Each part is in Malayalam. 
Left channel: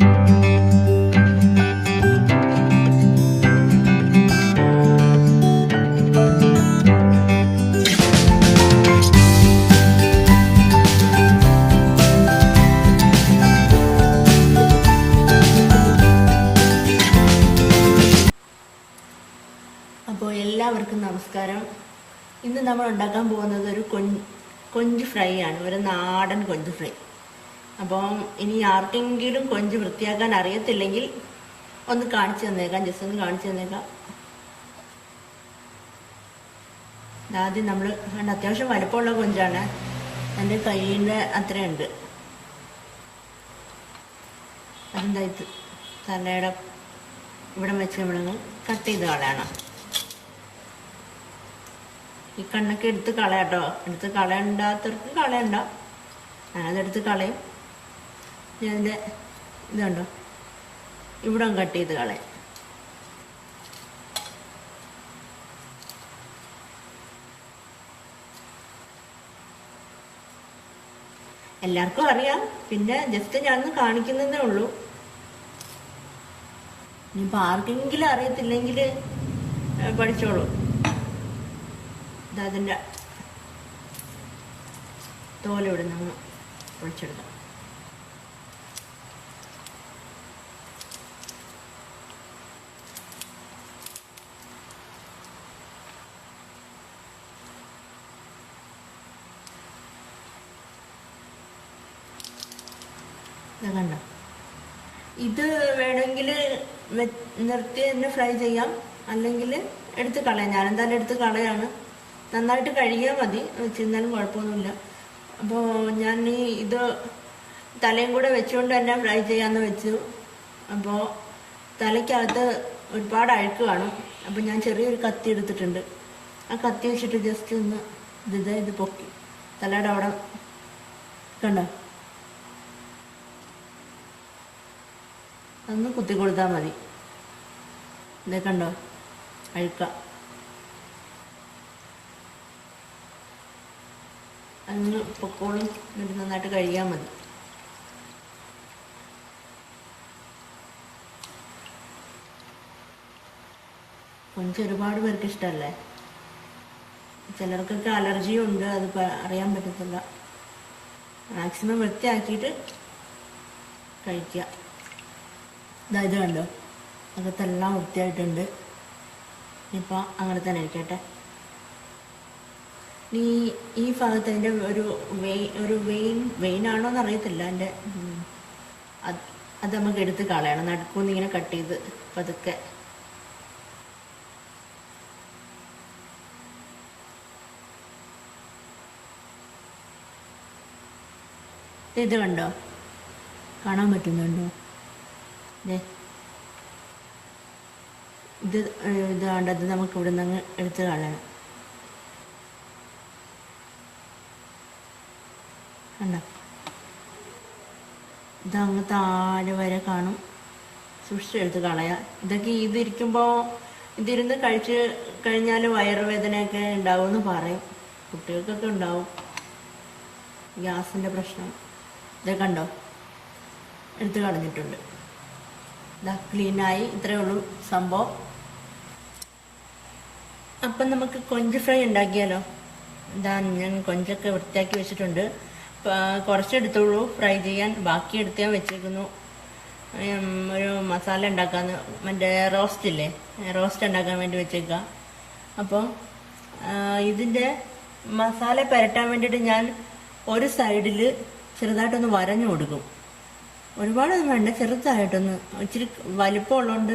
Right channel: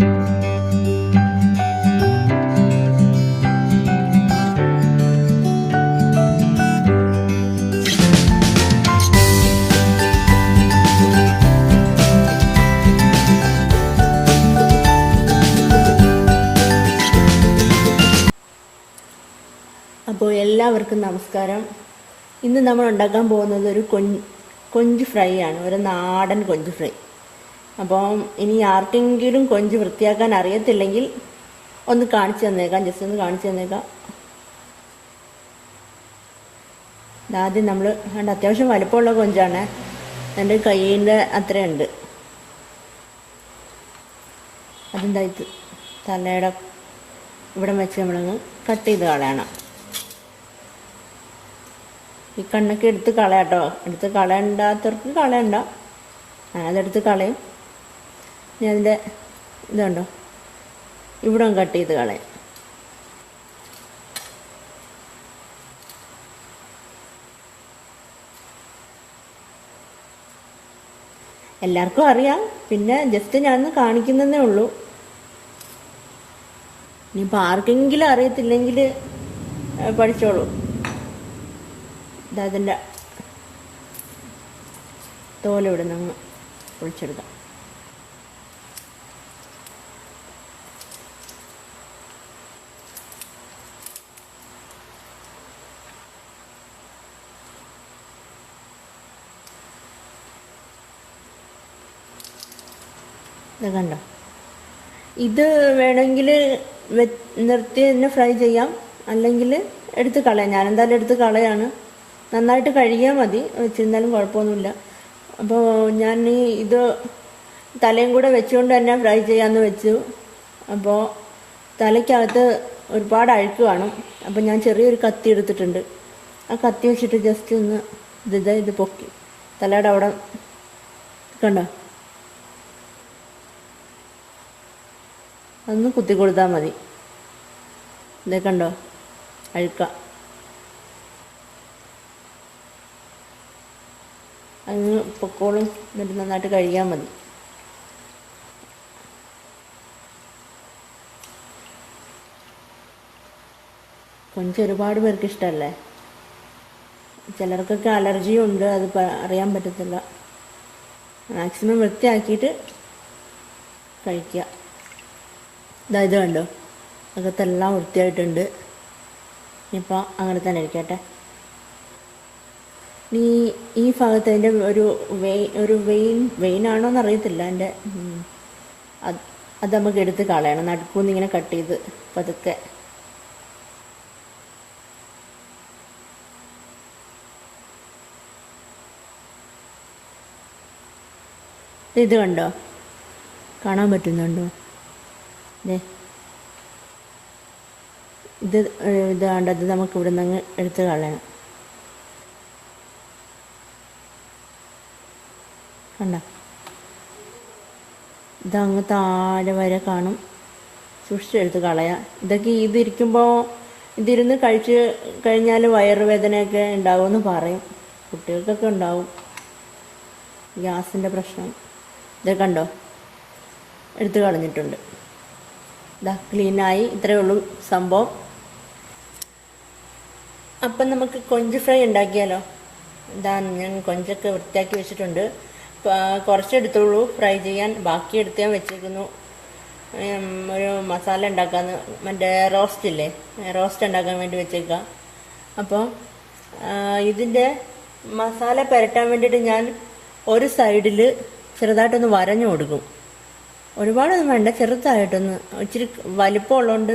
അപ്പോൾ എല്ലാവർക്കും നമസ്കാരം. ഇന്ന് നമ്മൾ ഉണ്ടാക്കാൻ പോകുന്നത് ഒരു കൊഞ്ച് ഫ്രൈ ആണ്, ഒരു നാടൻ കൊഞ്ച് ഫ്രൈ. അപ്പം ഇനി ആർക്കെങ്കിലും കൊഞ്ച് വൃത്തിയാക്കാൻ അറിയത്തില്ലെങ്കിൽ ഒന്ന് കാണിച്ചു തന്നേക്കാം, ജസ്റ്റ് ഒന്ന് കാണിച്ചു തന്നേക്കാം. ആദ്യം നമ്മൾ അത്യാവശ്യം വലുപ്പമുള്ള കൊഞ്ചാണ്, എൻ്റെ കയ്യിൻ്റെ അത്രയുണ്ട്. അതെന്തായിട്ട് തലയുടെ ഇവിടെ വെച്ച് നമ്മളങ്ങ് കട്ട് ചെയ്ത് കളയണം. ഈ കണ്ണൊക്കെ എടുത്ത് കളയാട്ടോ, എടുത്ത് കളയണ്ടാത്തവർക്ക് കളയണ്ട, അതെടുത്ത് കളയും. ഞാൻ അതിൻ്റെ ഇതുണ്ടോ ഇവിടെ കട്ട് ചെയ്ത് കളയും. എല്ലാവർക്കും അറിയാം, പിന്നെ ജസ്റ്റ് ഞാൻ കാണിക്കുന്നതേ ഉള്ളൂ. ഇനിയിപ്പോൾ ആർക്കെങ്കിലും അറിയത്തില്ലെങ്കിൽ പഠിച്ചോളൂ. അതിൻ്റെ തോല ഇവിടെ നിന്ന് പൊളിച്ചെടുക്കാം. ഇത് കണ്ട, ഇത് വേണമെങ്കിൽ നിർത്തി തന്നെ ഫ്രൈ ചെയ്യാം, അല്ലെങ്കിൽ എടുത്ത് കളയാം. ഞാനെന്തായാലും എടുത്ത് കളയാണ്. നന്നായിട്ട് കഴുകിയാൽ മതി, വെച്ചിരുന്നാലും കുഴപ്പമൊന്നുമില്ല. അപ്പോൾ ഞാൻ ഇത് തലയും കൂടെ വെച്ചുകൊണ്ട് തന്നെ ഫ്രൈ ചെയ്യാമെന്ന് വെച്ചു. അപ്പോൾ തലയ്ക്കകത്ത് ഒരുപാട് അഴുക്ക് കാണും. അപ്പോൾ ഞാൻ ചെറിയൊരു കത്തി എടുത്തിട്ടുണ്ട്. ആ കത്തി വെച്ചിട്ട് ജസ്റ്റ് ഒന്ന് ഇത് പൊക്കി തലയുടെ അവിടെ കണ്ടോ, അതൊന്ന് കുത്തി കൊടുത്താൽ മതി. ഇതേ കണ്ടോ അഴുക്ക, അങ്ങ് പൊക്കോളും. എന്നിട്ട് നന്നായിട്ട് കഴുകിയാൽ മതി. കൊഞ്ച് ഒരുപാട് പേർക്ക് ഇഷ്ടമല്ലേ, ചിലർക്കൊക്കെ അലർജിയും ഉണ്ട്, അത് അറിയാൻ പറ്റത്തില്ല. മാക്സിമം വൃത്തിയാക്കിയിട്ട് കഴിക്കുക. ഇത് കണ്ടോ, അകത്തെല്ലാം വൃത്തിയായിട്ടുണ്ട്. ഇനിയിപ്പോൾ അങ്ങനെ തന്നെ ഇരിക്കട്ടെ. ഈ ഭാഗത്ത് അതിൻ്റെ ഒരു വെയിനാണോന്ന് അറിയത്തില്ല, എൻ്റെ അത് നമുക്ക് എടുത്ത് കളയണം. നടുക്കൂന്ന് ഇങ്ങനെ കട്ട് ചെയ്ത് പതുക്കെ. ഇത് കണ്ടോ, കാണാൻ പറ്റുന്നുണ്ടോ? ഇത് കണ്ടത് നമുക്ക് ഇവിടെ നിന്ന് എടുത്ത് കളയണം. കണ്ട, ഇതങ്ങ് താഴെ വരെ കാണും. സൂക്ഷിച്ചെടുത്ത് കളയാം. ഇതൊക്കെ ഇതിരുന്ന് കഴിച്ച് കഴിഞ്ഞാൽ വയറുവേദനയൊക്കെ ഉണ്ടാവുമെന്ന് പറയും. കുട്ടികൾക്കൊക്കെ ഉണ്ടാവും ഗ്യാസിൻ്റെ പ്രശ്നം. ഇത് കണ്ടോ, എടുത്ത് കളഞ്ഞിട്ടുണ്ട്. ഇതാ ക്ലീനായി. ഇത്രയേ ഉള്ളൂ സംഭവം. അപ്പം നമുക്ക് കൊഞ്ച് ഫ്രൈ ഉണ്ടാക്കിയാലോ? ഇതാ ഞാൻ കൊഞ്ചൊക്കെ വൃത്തിയാക്കി വെച്ചിട്ടുണ്ട്. കുറച്ചെടുത്തുള്ളൂ ഫ്രൈ ചെയ്യാൻ, ബാക്കി എടുത്ത് ഞാൻ വെച്ചിരിക്കുന്നു. ഒരു മസാല ഉണ്ടാക്കാന്ന്, മറ്റേ റോസ്റ്റ് ഉണ്ടാക്കാൻ വേണ്ടി വെച്ചേക്കാം. അപ്പോൾ ഇതിൻ്റെ മസാല പുരട്ടാൻ വേണ്ടിയിട്ട് ഞാൻ ഒരു സൈഡിൽ ചെറുതായിട്ടൊന്ന് വരഞ്ഞു കൊടുക്കും. ഒരുപാടൊന്നും വേണ്ട, ചെറുതായിട്ടൊന്ന്. ഇച്ചിരി വലിപ്പമുള്ളതുകൊണ്ട്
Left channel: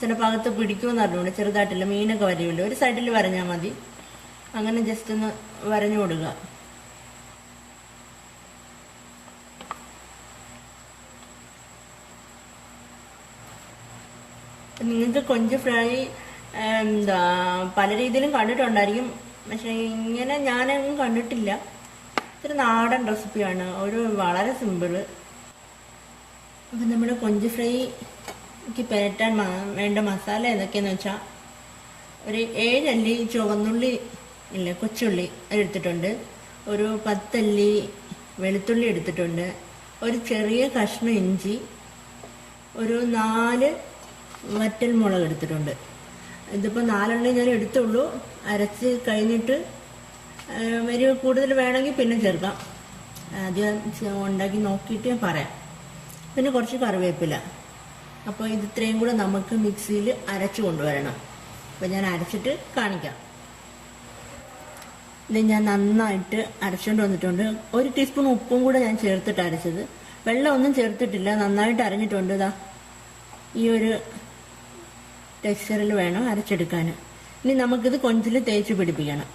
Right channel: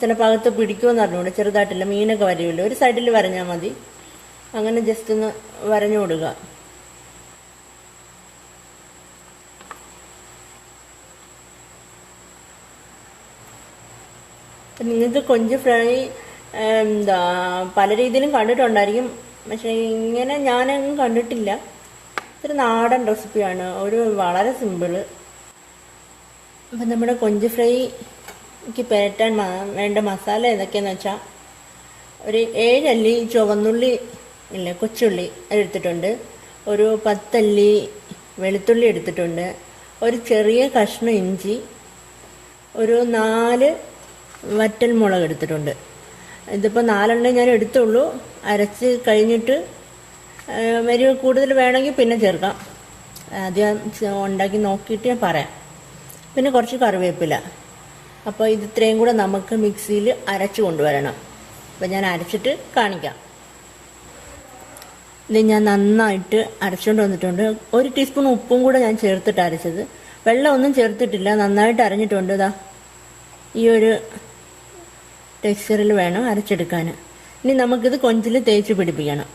ചില ഭാഗത്ത് പിടിക്കുമെന്ന് അറിഞ്ഞുകൊണ്ട് ചെറുതായിട്ടില്ല, മീനൊക്കെ വരുമല്ലോ, ഒരു സൈഡിൽ വരഞ്ഞാൽ മതി. അങ്ങനെ ജസ്റ്റ് ഒന്ന് വരഞ്ഞു കൊടുക്കുക. നിങ്ങൾക്ക് കൊഞ്ച് ഫ്രൈ പല രീതിയിലും കണ്ടിട്ടുണ്ടായിരിക്കും, പക്ഷെ ഇങ്ങനെ ഞാനൊന്നും കണ്ടിട്ടില്ല. ഒരു നാടൻ റെസിപ്പിയാണ്, വളരെ സിമ്പിള്. അപ്പം നമ്മുടെ കൊഞ്ച് ഫ്രൈക്ക് പുരട്ടാൻ വേണ്ട മസാല ഏതൊക്കെയാന്ന് വെച്ചാൽ, ഒരു 7 അല്ലി ചുവന്നുള്ളി കൊച്ചുള്ളി എടുത്തിട്ടുണ്ട്, ഒരു 10 അല്ലി വെളുത്തുള്ളി എടുത്തിട്ടുണ്ട്, ഒരു ചെറിയ കഷ്ണം ഇഞ്ചി, ഒരു 4 വറ്റൽ മുളക് എടുത്തിട്ടുണ്ട്. ഇതിപ്പോൾ 4 ഞാൻ എടുത്തുള്ളൂ. അരച്ച് കഴിഞ്ഞിട്ട് എരിവ് കൂടുതൽ വേണമെങ്കിൽ പിന്നെ ചേർക്കാം. ആദ്യം ഉണ്ടാക്കി നോക്കിയിട്ട് പറയാം. പിന്നെ കുറച്ച് കറിവേപ്പില. അപ്പോൾ ഇത് ഇത്രയും കൂടെ നമുക്ക് മിക്സിയിൽ അരച്ച് കൊണ്ടുവരണം. അപ്പം ഞാൻ അരച്ചിട്ട് കാണിക്കാം. ഇത് ഞാൻ നന്നായിട്ട് അരച്ചുകൊണ്ട് വന്നിട്ടുണ്ട്. 1 ടീസ്പൂൺ ഉപ്പും കൂടെ ഞാൻ ചേർത്തിട്ട് അരച്ചത്. വെള്ളം ഒന്നും ചേർത്തിട്ടില്ല. നന്നായിട്ട് അരഞ്ഞിട്ടുണ്ട്. ഇതാ ഈ ഒരു ടെക്സ്ചറിൽ വേണം അരച്ചെടുക്കാൻ. ഇനി നമുക്കിത് കൊഞ്ചിൽ തേച്ച് പിടിപ്പിക്കാം.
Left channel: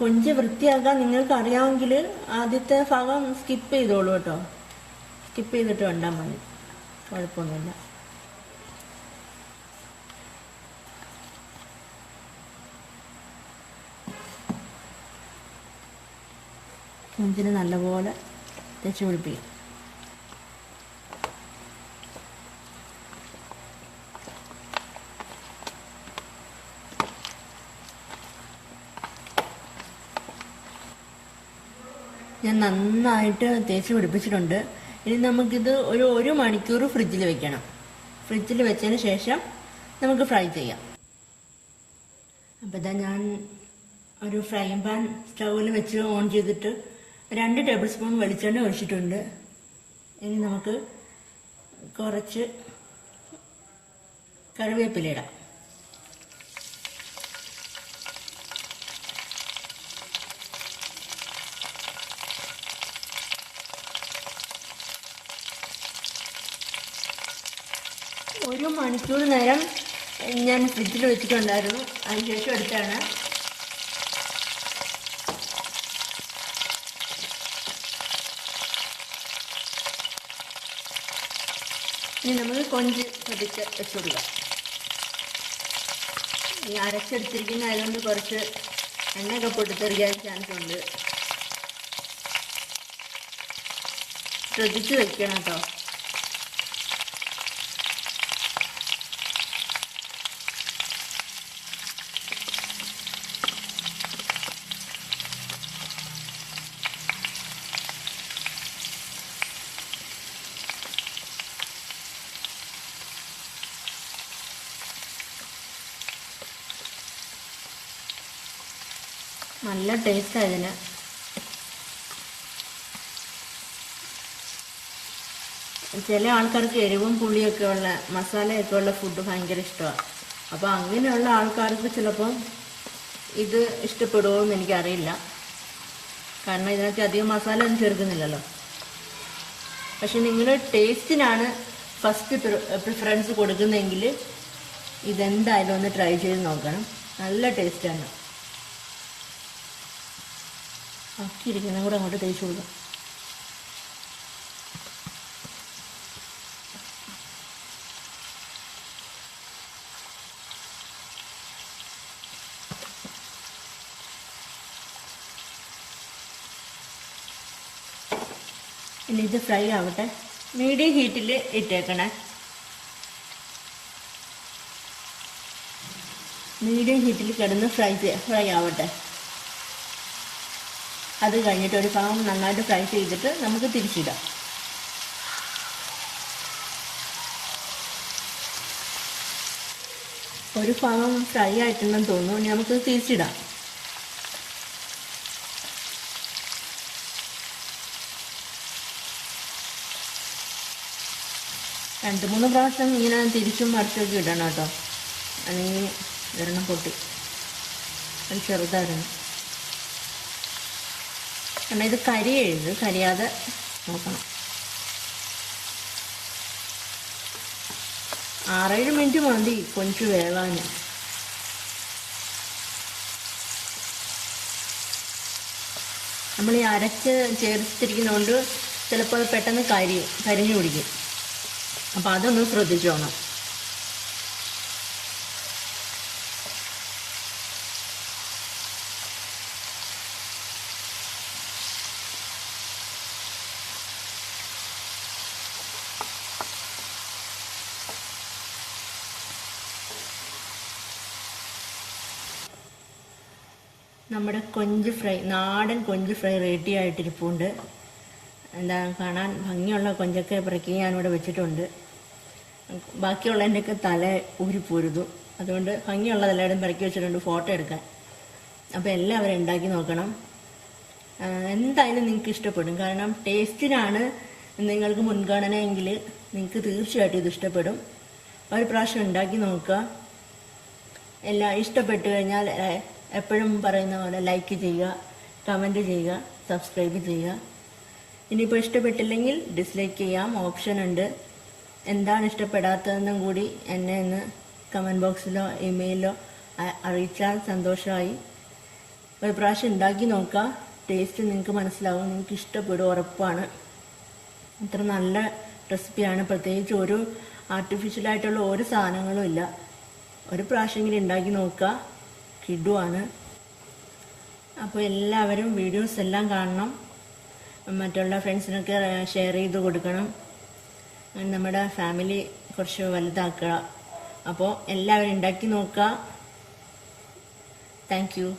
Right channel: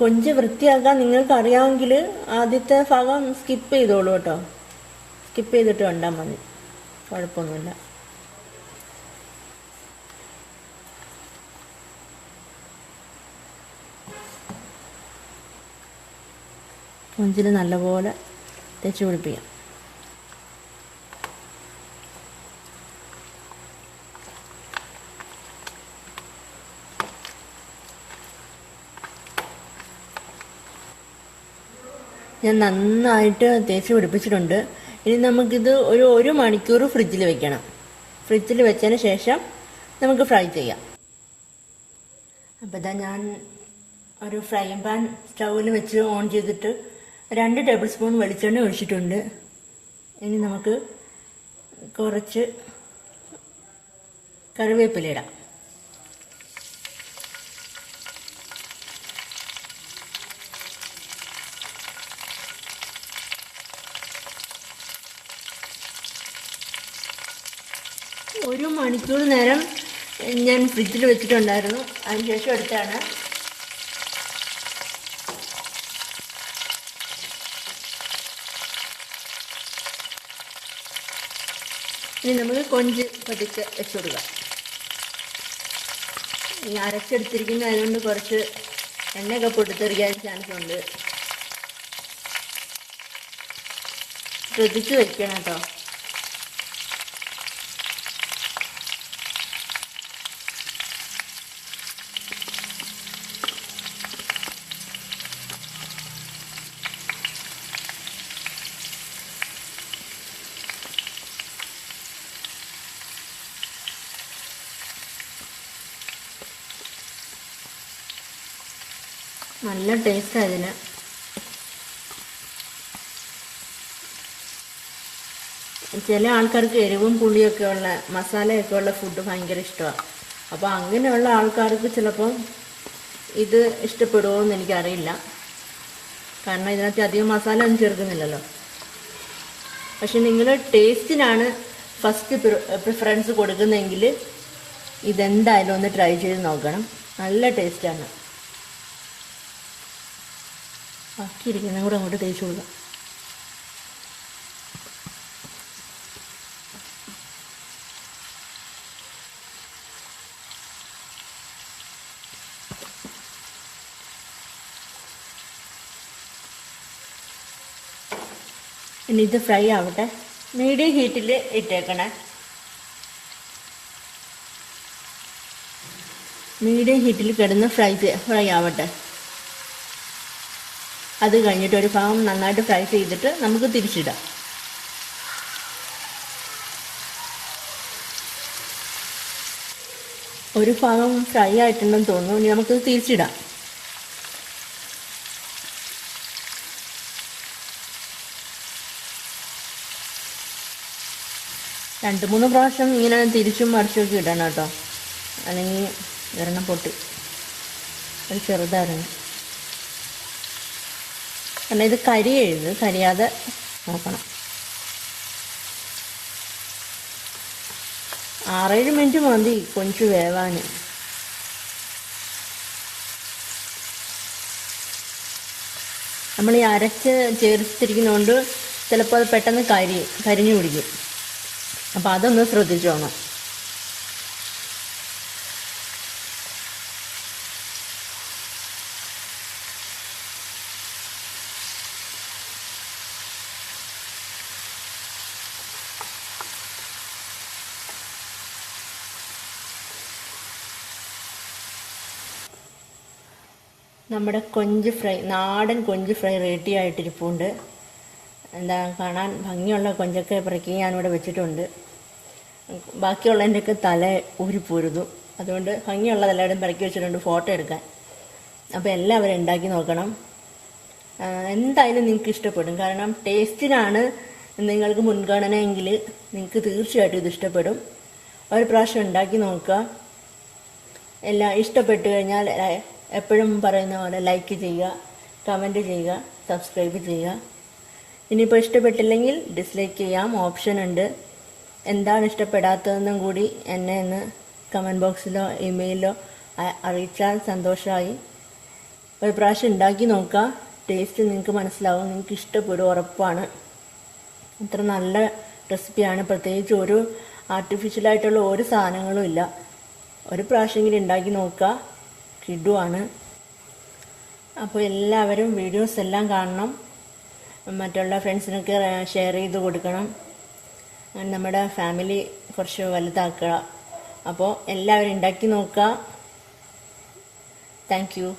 കൊഞ്ച് വൃത്തിയാക്കാൻ നിങ്ങൾക്ക് അറിയാമെങ്കിൽ ആദ്യത്തെ ഭാഗം സ്കിപ്പ് ചെയ്തോളൂ കേട്ടോ. സ്കിപ്പ് ചെയ്തിട്ട് ഉണ്ടാൽ മതി, കുഴപ്പമൊന്നുമില്ല. കൊഞ്ചിന് നല്ലപോലെ തേച്ച് പിടിപ്പിക്കാം. ഞാൻ നന്നായിട്ട് തേച്ച് പിടിപ്പിച്ചിട്ടുണ്ട്. ഇനി നമുക്കിത് ഒരു 1 മണിക്കൂർ ഫ്രിഡ്ജിൽ വെക്കണം. ഫ്രിഡ്ജിൽ വെച്ചതിന് ശേഷം നമുക്ക് ഫ്രൈ ചെയ്യാം. അപ്പം ഇതാ ഞാൻ ഒരു ഫ്രൈങ് പാൻ സ്റ്റൗവിൽ വെച്ച് ഓൺ ചെയ്തിട്ട് 2 ടേബിൾ സ്പൂൺ വെളിച്ചെണ്ണ ഒഴിച്ചിട്ടുണ്ട്. ഇനി നമുക്ക് കുറച്ച് കറിവേപ്പില ഇടാം. ഒരു മണിക്കൂർ നേരം ഞാൻ ഫ്രിഡ്ജിൽ വെച്ചിട്ടുണ്ടായിരുന്നു. അതിനുശേഷം എടുത്താണ്. ഇനി നമുക്ക് കൊഞ്ച് പതുക്കെ വെച്ചുകൊടുക്കാം. ഈ അരച്ചെടുത്തിരിക്കുന്ന അതുകൊണ്ട് കുറച്ച് എണ്ണയൊക്കെ പൊട്ടിത്തെറിക്കാൻ ചാൻസ് ഉണ്ട്. ശ്രദ്ധിച്ച് വെക്കണം കേട്ടോ. നല്ല ടേസ്റ്റ് അതിന്. ചില ആൾക്കാർക്ക് എരിവും പുളിയൊക്കെ ഉള്ള മസാലയൊക്കെ ഉള്ള ഫുഡ് ഭയങ്കര ഇഷ്ടമാണ്. അപ്പോൾ അങ്ങനെയുള്ള ആൾക്കാർക്ക് ചിലപ്പോൾ ഇത് ഇഷ്ടപ്പെടുമോ എന്ന് എനിക്കറിയില്ല. കാരണം ഇതിനകത്ത് അധികം മസാല ഒന്നും ചേർക്കുന്നില്ലല്ലോ. പക്ഷെ നിങ്ങൾ ടേസ്റ്റിനാണ് ഫസ്റ്റ് പ്രിഫറൻസ് കൊടുക്കുന്നതെങ്കിൽ ഇതെന്തായാലും ഒന്ന് ട്രൈ ചെയ്ത് നോക്കണം. നല്ല ടേസ്റ്റാണ്. ബാക്കിയിരിക്കുന്നതും കൂടെ അങ്ങോട്ട് തേച്ച് കൊടുക്കാം. ഇനി ഇത് ഫ്രൈ ആവട്ടെ. മീഡിയം ഹീറ്റിൽ ഇട്ടേക്കണേ. മീഡിയം ഹീറ്റിൽ കിടന്ന് ഫ്രൈ ആവട്ടെ. അത് കഴിഞ്ഞിട്ട് ഒരു ഭാഗം നന്നായിട്ട് ഫ്രൈ ചെയ്തിട്ട് നമുക്ക് തിരിച്ചിടാം. ഒരു ഭാഗം ഫ്രൈ ആയിട്ടുണ്ടെന്ന് തോന്നുന്നു. ഇനി നമുക്ക് തിരിച്ചിടാം. രണ്ട് മൂന്ന് പ്രാവശ്യം ഇങ്ങനെ തിരിച്ചും മറിച്ചുമൊക്കെ ഇടണം കേട്ടോ. അല്ലെങ്കിൽ ഒരെണ്ണം പൊട്ടി. അത് ചെറുതായിരുന്നു. കാരണം ഇത് കരിയാതെ നോക്കണം. 6-7 മിനിറ്റ് മതി കൊഞ്ച് വേവാൻ. നമ്മൾ ഈ അരച്ച് ചേർത്തിരിക്കുന്നതുകൊണ്ട് ചിലപ്പോൾ അത് പെട്ടെന്ന് കരിഞ്ഞു പിടിക്കും. അപ്പം അതൊന്ന് ശ്രദ്ധിച്ചോണം. നമ്മുടെ കൊഞ്ച് ഫ്രൈ, നാടൻ കൊഞ്ച് ഫ്രൈ റെഡി ആയിട്ടിരിപ്പുണ്ട്. എന്താ കാണാൻ ഭംഗിയുള്ള കൊഞ്ചൊക്കെ പെറുക്കി ഞാനിവിടെ വെച്ചിട്ടുണ്ട്. ബാക്കിയുള്ളതിൻ്റെയൊക്കെ തല ഊരിപ്പോരുതു, അതുകൊണ്ട് ഭംഗിയുള്ളതെല്ലാവരും പെറുക്കി വെച്ചിട്ടുണ്ട് ഫോട്ടോ എടുക്കാൻ. അപ്പോൾ എല്ലാവരും ഉണ്ടാക്കി നോക്കണം. എന്തായാലും നിങ്ങൾക്ക് ഇഷ്ടപ്പെടും. കാരണം ടേസ്റ്റിനാണ് നിങ്ങൾക്ക് മുൻഗണനയെങ്കിൽ നിങ്ങൾക്ക് തീർച്ചയായിട്ടും ഇത് ഇഷ്ടപ്പെടും. ഒരു പ്രാവശ്യം ഉണ്ടാക്കി നോക്കുക. എല്ലാം ഇഷ്ടപ്പെട്ടു കഴിഞ്ഞാൽ എപ്പോഴും പറയുന്ന പോലെ ലൈക്ക് ചെയ്യുക, കമൻറ്റ് ചെയ്യുക, സബ്സ്ക്രൈബ് ചെയ്യുക. ഇനിയിപ്പോൾ ഇഷ്ടപ്പെട്ടില്ലെങ്കിൽ ഡിസ്ലൈക്ക് ചെയ്യാം, ഓപ്ഷൻ ഉണ്ട്. എന്താണ് ഇഷ്ടപ്പെടാത്തതെന്നും കൂടി എന്നെ ഒന്ന് കമൻറ്റ് ബോക്സിലോ ഇമെയിലോ അറിയിച്ചാൽ സന്തോഷമായി. ഒരു പ്രാവശ്യം ഉണ്ടാക്കി നോക്കുക. ടേസ്റ്റ് നിങ്ങൾക്ക് മനസ്സിലാവും, നിങ്ങൾക്ക് ഇഷ്ടപ്പെടും, ഉറപ്പാണ്. അത്ര നല്ല റെസിപ്പിയാണ്. പ്രത്യേകിച്ച് ഒരു ആർട്ടിഫിഷ്യലായിട്ടുള്ള ഒരു സാധനങ്ങളും ഇല്ല. ഒരു പ്രാവശ്യമെങ്കിലും ഉണ്ടാക്കി നോക്കുക, കിടുവാണ്. അപ്പോൾ എല്ലാവരും വീഡിയോസ് എല്ലാം കാണണം, മറ്റുള്ള ഫ്രണ്ട്സിനൊക്കെ ഷെയർ ചെയ്ത് കൊടുക്കണം. നമ്മുടെ ഫാമിലി കുറച്ച് വലുതാക്കുക. അപ്പോൾ എല്ലാവരും ഉണ്ടാക്കി നോക്കുക. Thank you.